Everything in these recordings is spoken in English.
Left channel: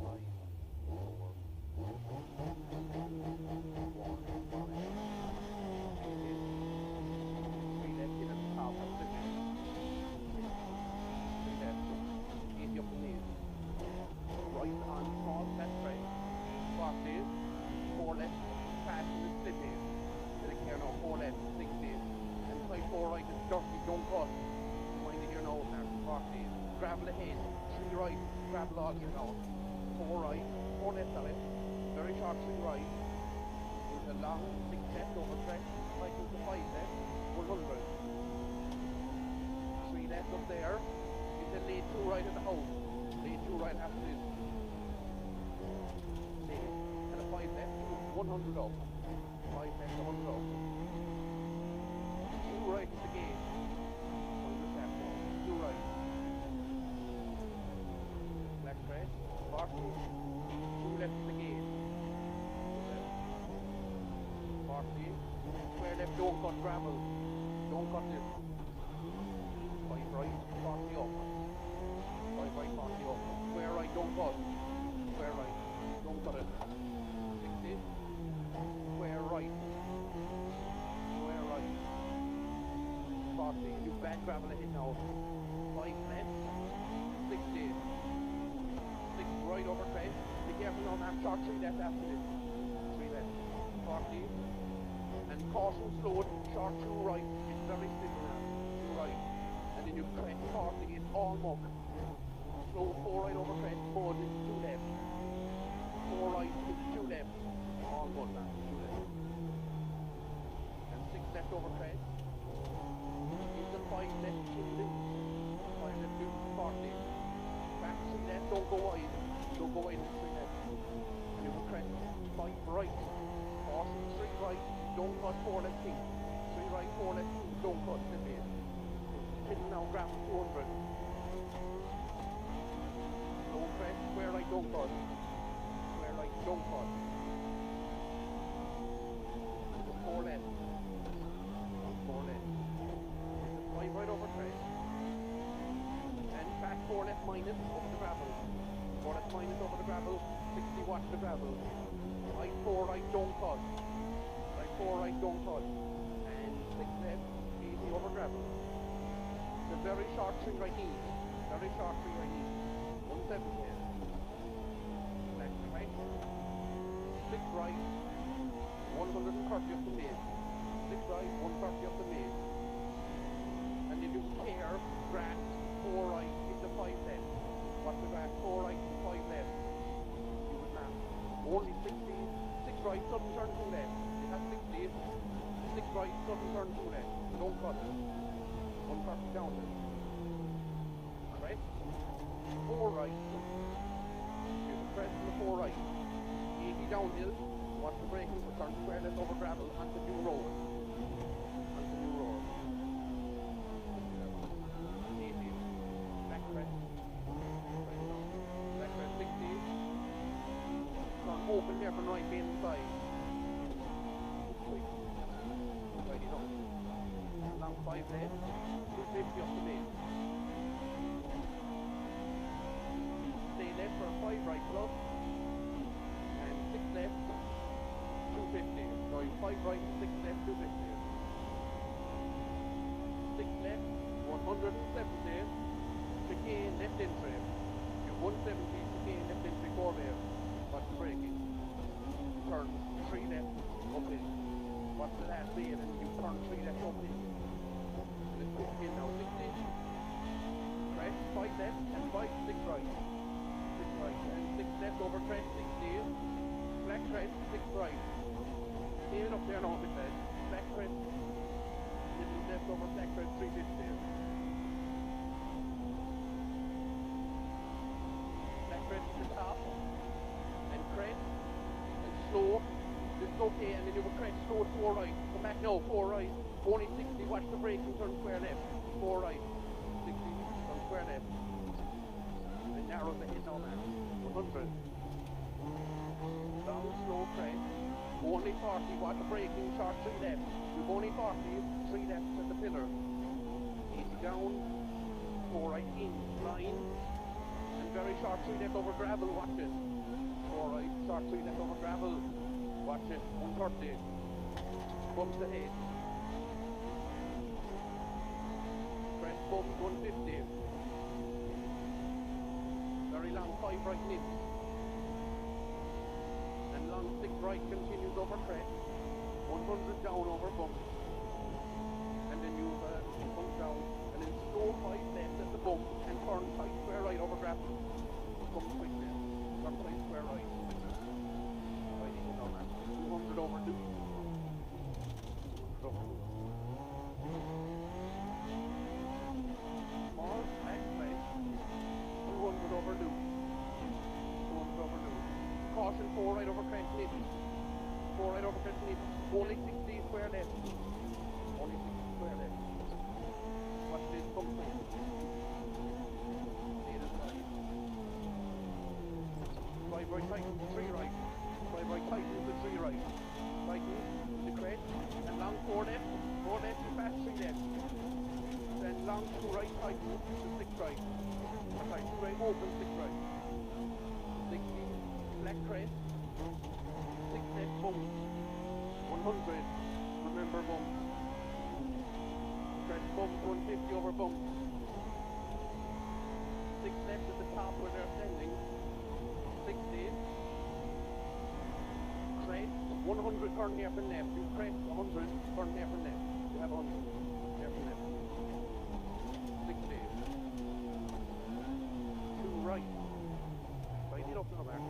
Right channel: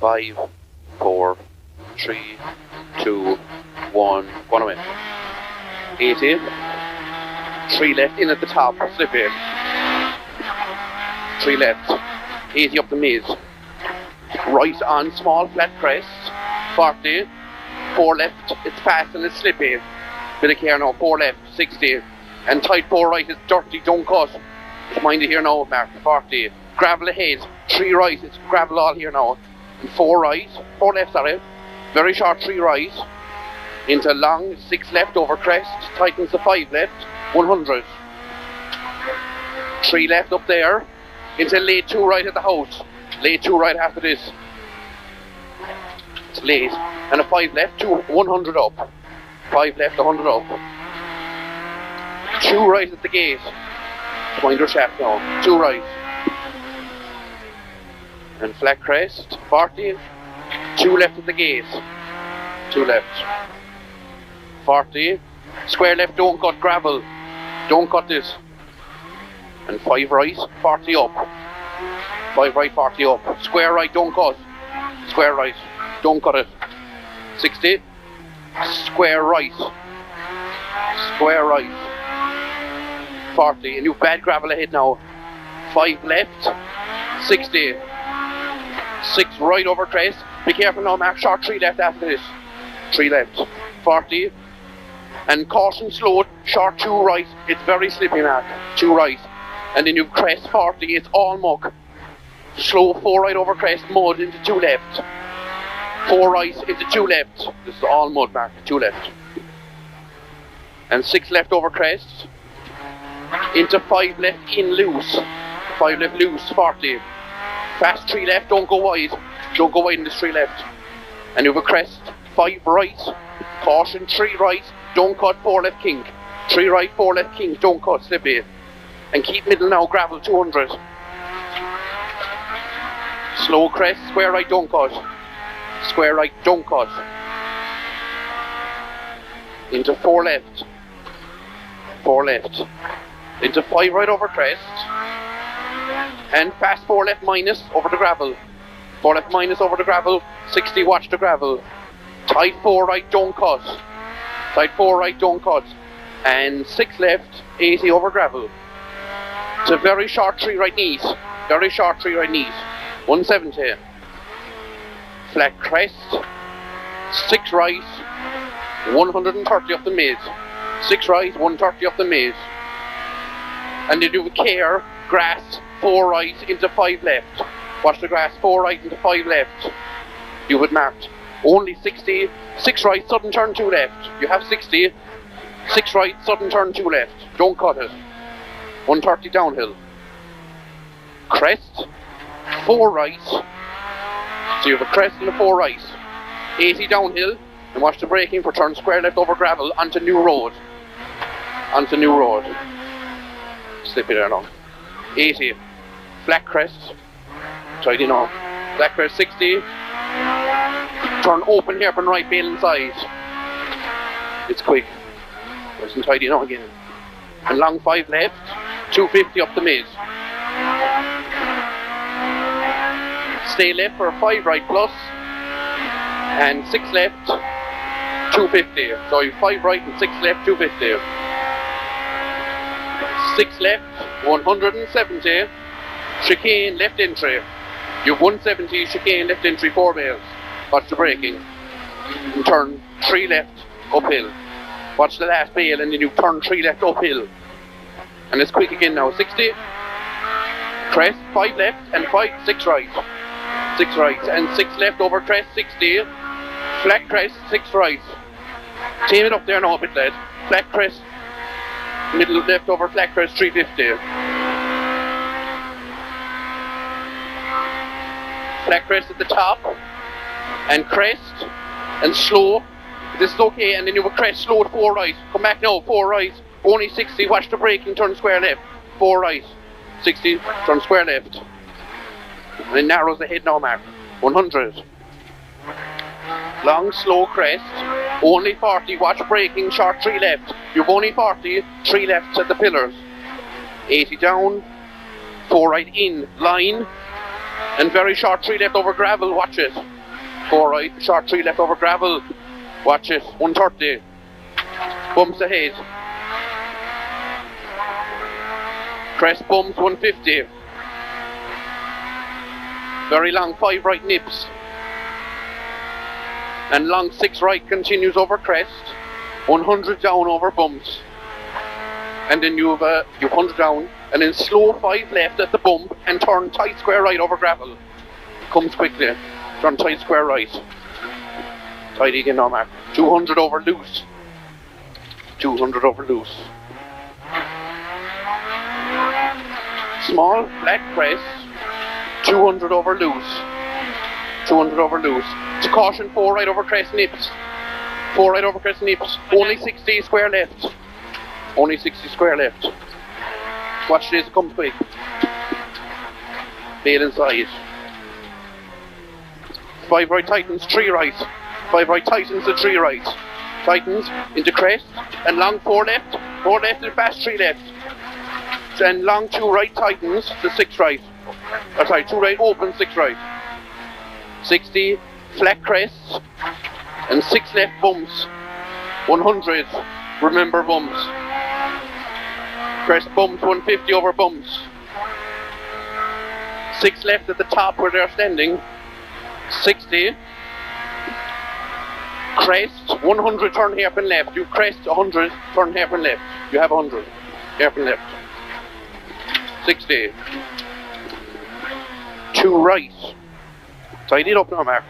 5, 4, 3, 2, 1, one away. 80. 3 left in at the top, slip in. 3 left. 80 up the mid. Right on small flat crest. 40. 4 left, it's fast and it's slippy. Bit of care now, 4 left, 60. And tight 4 right, it's dirty, don't cut. Mind it here now, Mark, 40. Gravel ahead, 3 right, it's gravel all here now. And 4 right, 4 left, sorry. Very short 3 right. Into long, 6 left over crest. Tightens the 5 left, 100. 3 left up there. Into late 2 right at the house. Late 2 right after this. It's late. And a 5 left, 100 up. 5 left, 100 up. 2 right at the gate. Mind your shaft now. 2 right. And flat crest, 40. 2 left at the gate. 2 left. 40. Square left, don't cut gravel. Don't cut this. And 5 right, 40 up. 5 right, 40 up. Square right, don't cut. Square right, don't cut it. 60. Square right. Square right. 40. And you've bad gravel ahead now. 5 left. 60. 6 right over crest. Be careful now, Mark. Short 3 left after this. 3 left. 40. And caution slowed. Short 2 right. It's very slippy, Mark. 2 right. And then you crest 40. It's all muck. Slow 4 right over crest. Mud into 2 left. 4 right into 2 left. This is all mud, Mark. 2 left. And 6 left over crest. Into 5 left in loose. 5 left loose, 40. Fast 3 left, don't go wide. Don't go wide in this 3 left. And you have a crest, 5 right. Caution, 3 right. Don't cut, 4 left kink. 3 right, 4 left kink. Don't cut, slippy. And keep middle now, gravel, 200. Slow crest, square right, don't cut. Square right, don't cut. Into 4 left. 4 left. Into 5 right over crest. And fast 4 left minus over the gravel. 4 left minus over the gravel. 60, watch the gravel. Tight 4 right, don't cut. Tight 4 right, don't cut. And 6 left, 80 over gravel. It's a very short 3 right knees. Very short 3 right knees. 170. Flat crest. 6 right. 130 up the mid. 6 right, 130 up the mid. And you do care, grass, 4 right into 5 left. Watch the grass, 4 right into 5 left. You would marked. Only 60, 6 right, sudden turn 2 left. You have 60, 6 right, sudden turn 2 left. Don't cut it. 130 downhill. Crest, 4 right. So you have a crest and a 4 right. 80 downhill. And watch the braking for turn square left over gravel onto new road. Onto new road. Slip it there now. 80. Flat crest. Tidy now. Flat crest 60. Turn open hairpin right, bail inside. It's quick. Nice and tidy now again. And long 5 left. 250 up the mid. Stay left for a 5 right plus. And 6 left. 250. So you 5 right and 6 left, 250. 6 left, 170. Chicane left entry. You have 170, chicane left entry, 4 bales. Watch the braking. And turn 3 left uphill. Watch the last bale and then you turn 3 left uphill. And it's quick again now. 60. Crest, 5 left and 6 right. 6 right and 6 left over crest, 60. Flat crest, 6 right. Tame it up there now a bit, lad. Flat crest, middle left over flat crest, 350. Flat crest at the top, and crest, and slow. This is okay, and then you have a crest, slow to 4 right. Come back now, 4 right. Only 60, watch the braking, turn square left. 4 right. 60, turn square left. And it narrows the head now, Mark. 100. Long, slow crest. Only 40. Watch braking. Short 3 left. You've only 40. 3 left at the pillars. 80 down. 4 right in. Line. And very short 3 left over gravel, watch it. 4 right, short 3 left over gravel, watch it. 130. Bumps ahead. Crest bumps 150. Very long 5 right nips. And long 6 right continues over crest. 100 down over bumps. And then you've 100 down. And then slow 5 left at the bump and turn tight square right over gravel. Comes quickly. Turn tight square right. Tight again now, Mark. 200 over loose. 200 over loose. Small, flat crest. 200 over loose. 200 over loose. To caution, 4 right over crest nips. 4 right over crest nips. Only 60 square left. Only 60 square left. Watch this, come quick. Bail inside. 5 right tightens, 3 right. 5 right tightens to 3 right. Tightens into crest and long 4 left. 4 left and fast 3 left. And long 2 right tightens to 6 right. Oh, sorry, 2 right open, 6 right. 60 flat crests and 6 left bumps. 100. Remember bumps. Crest bumps 150 over bumps. 6 left at the top where they're standing. 60. Crest 100 turn hairpin left. You crest 100 turn hairpin left. You have 100 hairpin left. 60. 2 right. Tidy it up now, Mark.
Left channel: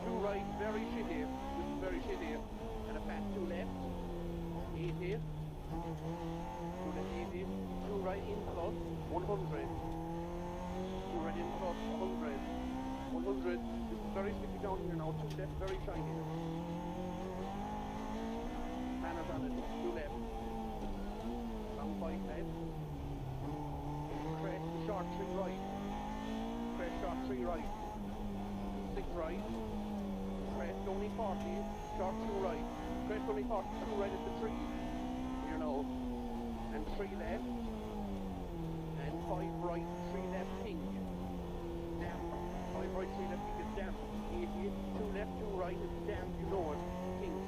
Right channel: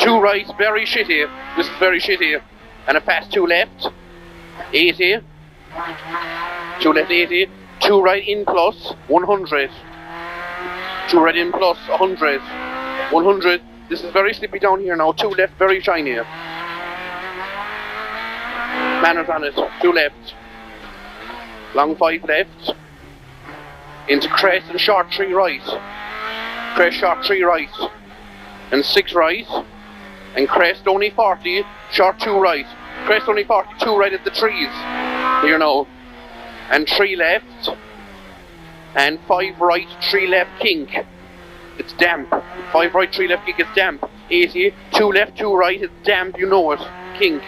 2 right, very shitty. This is very shitty. And a fast 2 left. 80. 2 left 80. 2 right in plus 100. 2 right in plus 100. 100. This is very slippy down here now. 2 left, very shiny. Manners on it. 2 left. Long 5 left. Into crest and short 3 right. Crest short 3 right. And 6 right. And crest only 40. Short 2 right. Crest only 42 right at the trees. Here now. And 3 left. And 5 right, 3 left kink. It's damp. 5 right, 3 left kink, it's damp. 80. 2 left, 2 right, it's damp, you know it. Kink.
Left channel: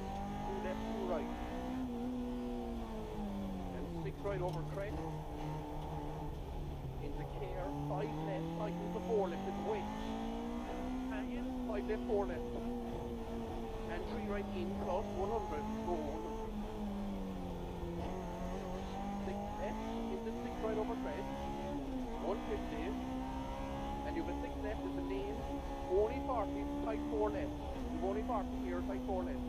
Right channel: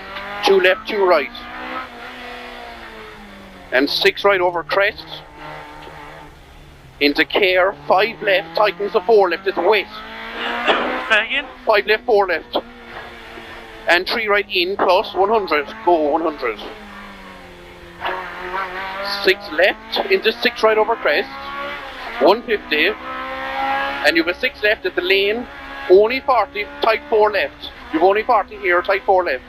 2 left, 2 right. And 6 right over crest. Into care. 5 left, tightens to 4 left, it's wet. 5 left, 4 left. And 3 right in plus 100. Go 100. 6 left into 6 right over crest. 150. And you've a 6 left at the lane. Only 40, tight 4 left. You've only 40 here, tight 4 left.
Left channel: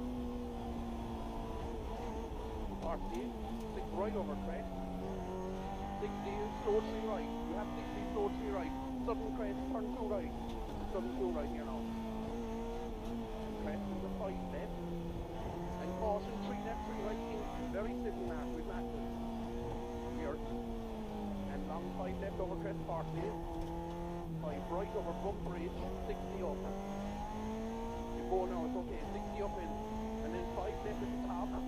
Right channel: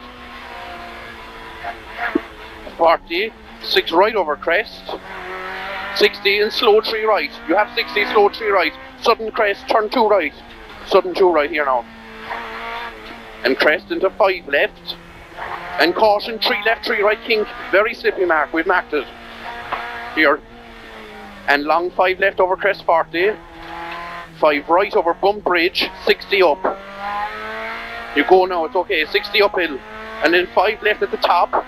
40, 6 right over crest. 60 and slow 3 right. You have 60, slow 3 right. Sudden crest, turn 2 right. Sudden 2 right here now. And crest into 5 left. And caution, 3 left, 3 right, kink. Very slippy, Mark, we've marked it. Here. And long 5 left over crest 40. 5 right over bump bridge, 60 up. You go now, it's okay, 60 uphill. And then 5 left at the top.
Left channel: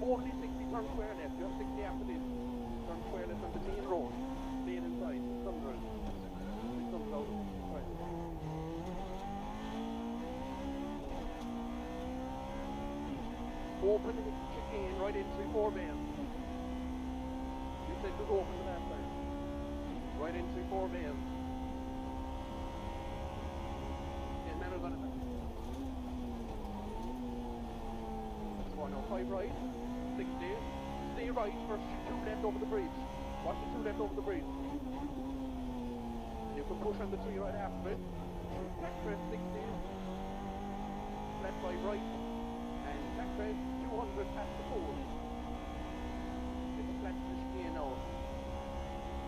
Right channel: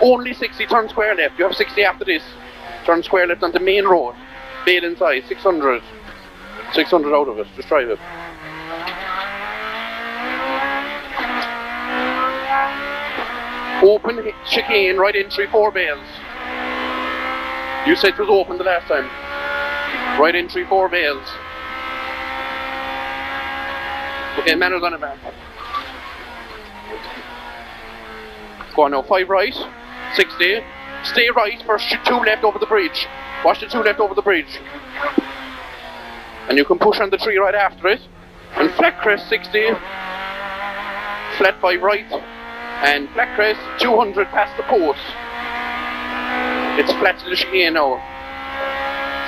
Only 60, turn square left. You have 60 after this. Turn square left onto main road. Bail inside, 600. 600 out of it, just drive it. Open chicane, right entry, 4 bales. You said it was open the last time. Right entry, 4 bales. Okay, manners on it, man. Go on now, 5 right, 60. Stay right for 2 left over the bridge. Watch the 2 left over the bridge. And you can push on the 3 right after it. And flat crest 60. Flat 5 right. And flat crest 200 past the post. It's flat to the chicane now.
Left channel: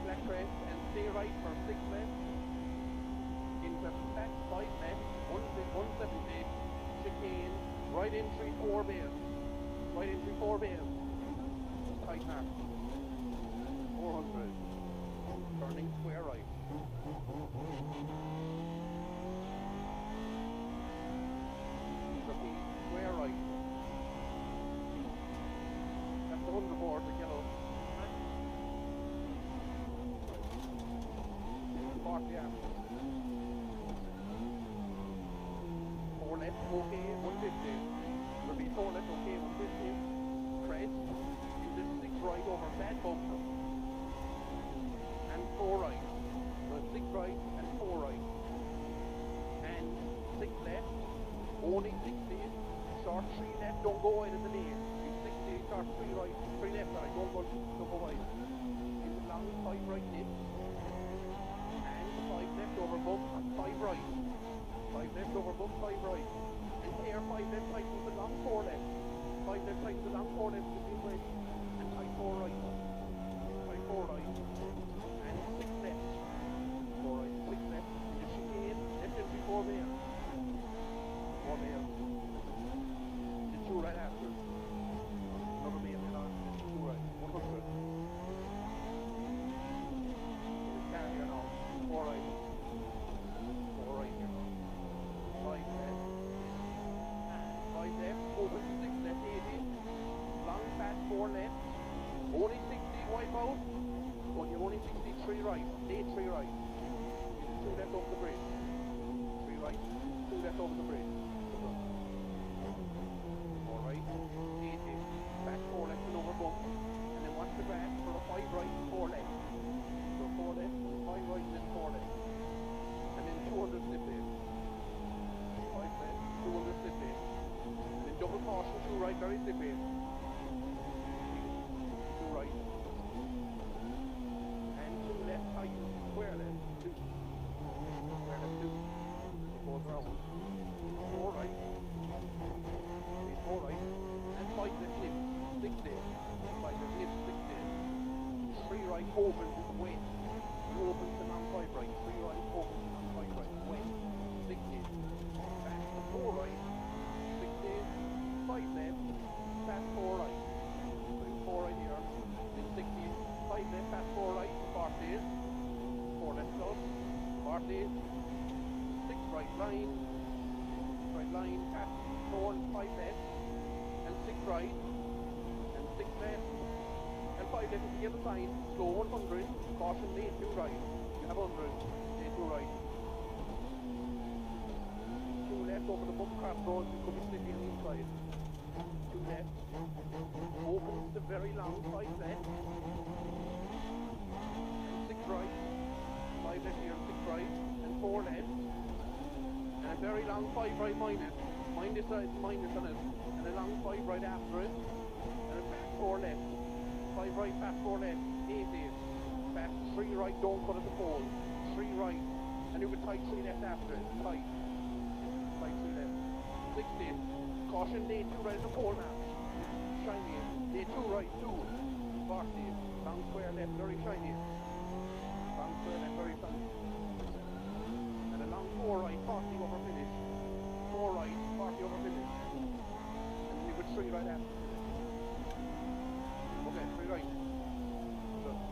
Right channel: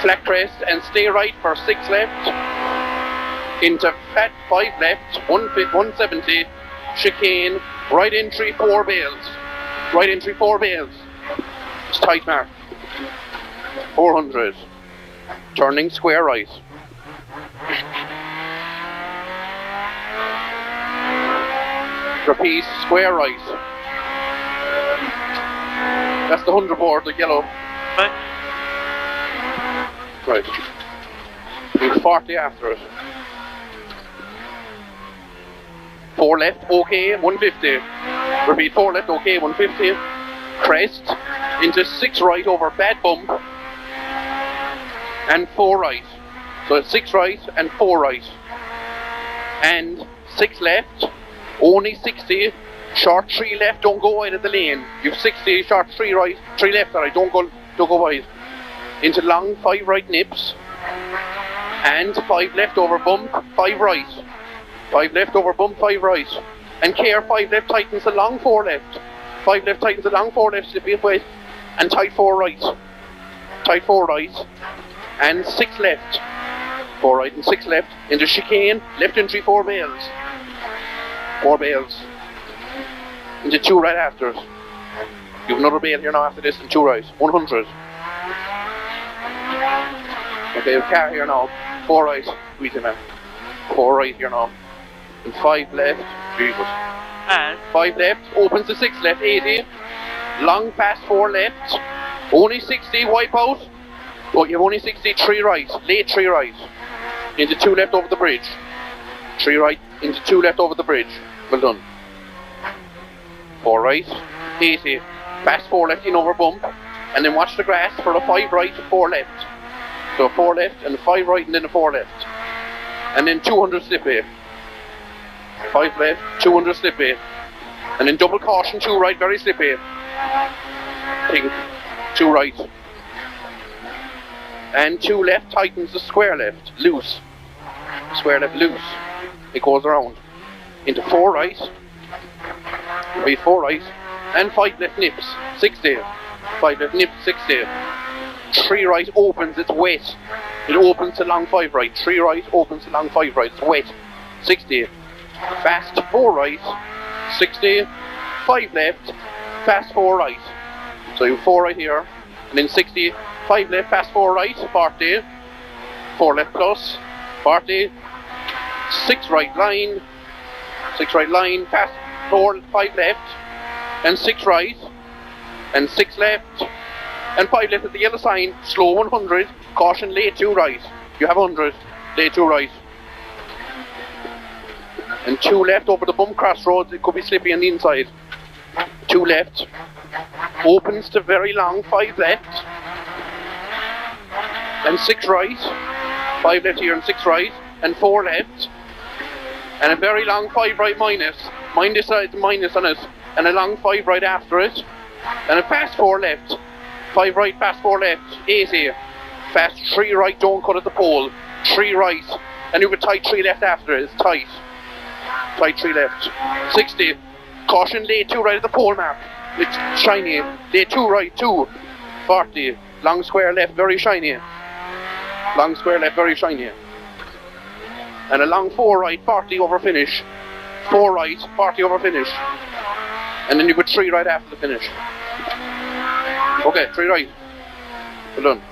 Flat crest and stay right for 6 left. Into flat 5 left, 170, chicane, right entry 4 bales. Right entry 4 bales. It's tight, Mark. 400. Turning square right. Trapeze square right. That's the 100 board, the yellow. Right. Do 40 after it. 4 left, okay, 150. Repeat, 4 left, okay, 150. Crest, into 6 right over bad bump. And 4 right. So it's 6 right and 4 right. And 6 left, only 60. Short 3 left, don't go wide of the lane. You've 60, short 3 right, 3 left, sorry, don't go wide. Into long 5 right nips. And 5 left over bump, 5 right. 5 left over bump, 5 right. And care, 5 left tightens the long 4 left. 5 left tightens the long 4 left, slip it wide. And tight 4 right. Tight 4 right. And 6 left. 4 right and 6 left. Into chicane, left entry 4 bales. 4 bales. Into 2 right after it. You have another bale here now after this and 2 right. 100. Okay, car here now. 4 right. Squeeze him in. 4 right here now. And 5 left. Jesus. And 5 left. Opens to 6 left. 80. Long pass 4 left. Only 60. Wipe out. Oh, you have only 60. 3 right. Late 3 right. Into 2 left over the bridge. 3 right. Into 2 left over the bridge. Well done. 4 right. 80. Fast 4 left in over bump. And then watch the grass for a 5 right, 4 left. So 4 left and 5 right and then a 4 left. And then 200 slip A. 5 left, 200 slip A. And then double caution, 2 right, very slip A. Pink, 2 right. And 2 left tightens the square left, loose. Square left loose. It goes around. Into 4 right. Wait, 4 right. And 5 left nips, 60. 5 left nips, 60. 3 right opens, it's wet. It opens to long 5 right. 3 right opens to long 5 right. It's wet. 60. Fast 4 right. 60. 5 left. Fast 4 right. So you 4 right here. And then 60. 5 left. Fast 4 right. 40. 4 left plus. 40. 6 right line. 6 right line. Fast 4. 5 left. And 6 right. And 6 left. And 5 left at the yellow sign, slow 100, caution late 2 right. You have 100, late 2 right. And 2 left over the bump crossroads, it could be slippy on the inside. 2 left, opens to very long, 5 left. And 6 right, 5 left here and 6 right, and 4 left. And a very long 5 right minus, mind this side minus on it, and a long 5 right after it. And a fast 4 left. 5 right, fast 4 left, 80. Fast 3 right, don't cut at the pole. 3 right, and you have a tight 3 left after it, it's tight. Tight 3 left. 60. Caution late 2 right at the pole map. It's shiny. Late 2 right, 2. 40. Long square left, very shiny. Long square left, very shiny. And a long 4 right, 40 over finish. 4 right, 40 over finish. And then you put 3 right after the finish. Okay, 3 right. Well done.